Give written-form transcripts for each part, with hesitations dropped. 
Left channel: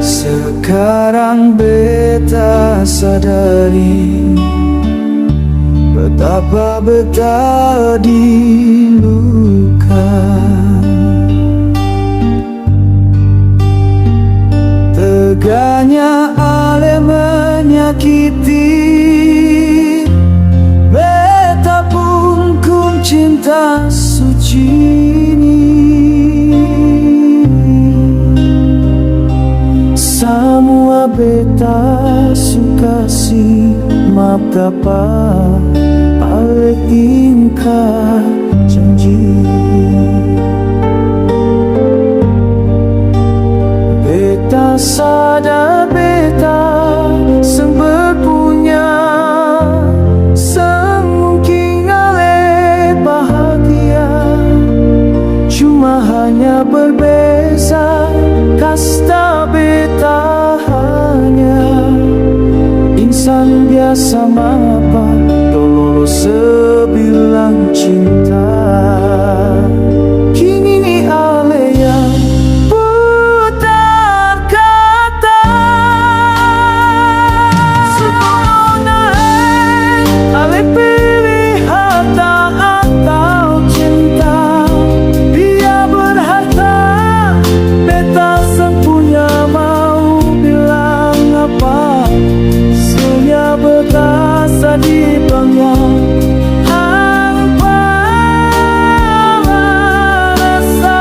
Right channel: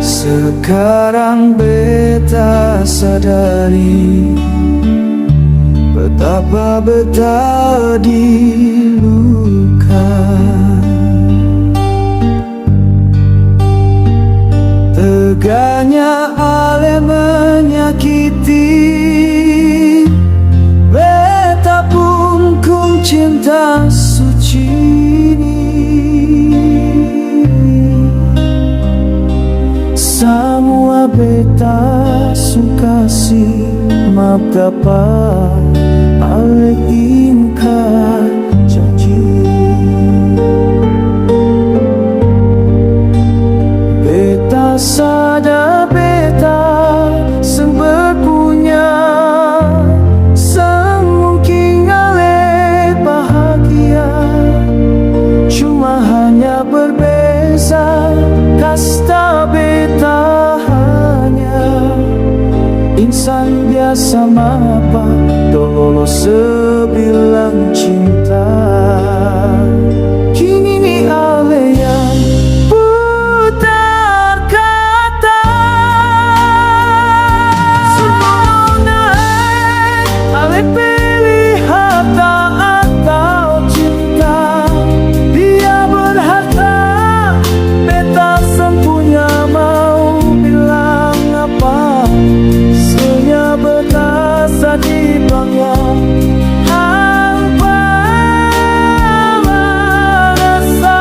Sekarang beta sadari betapa beta diluka. Teganya ale menyakiti, beta pun kun cinta suci ini. Semua beta suka si maaf dapat ale ingkar janji. Beta sadar beta sang berpunya, sang mungkin ale bahagia. Cuma hanya berbeza kasta beta hanya insan biasa mapa tololo sebilang cinta. Kini ini ale yang putar kata. Semua ale pilih harta atau cinta. Dia berharta, beta sang punya, mau bilang apa? Senya beta sadih belangnya hampa merasa.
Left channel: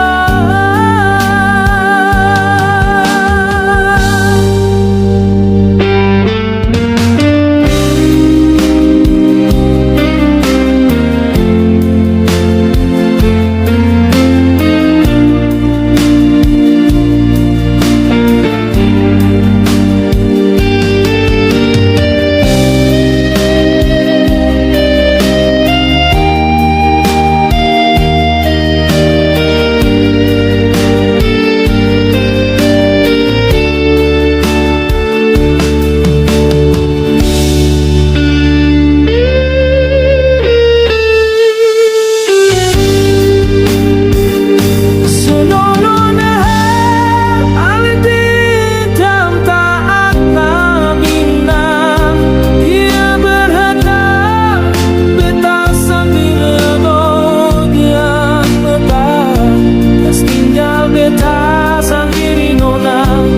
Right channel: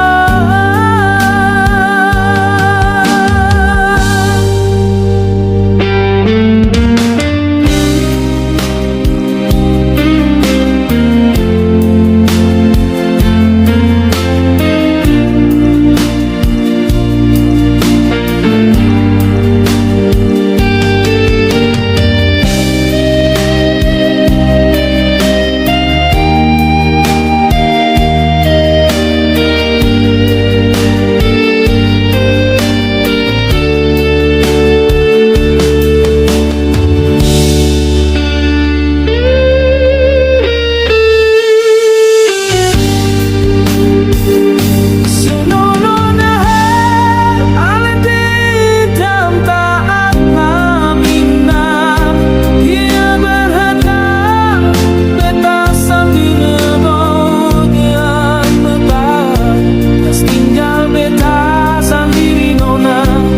Tinggal beta sendiri nona,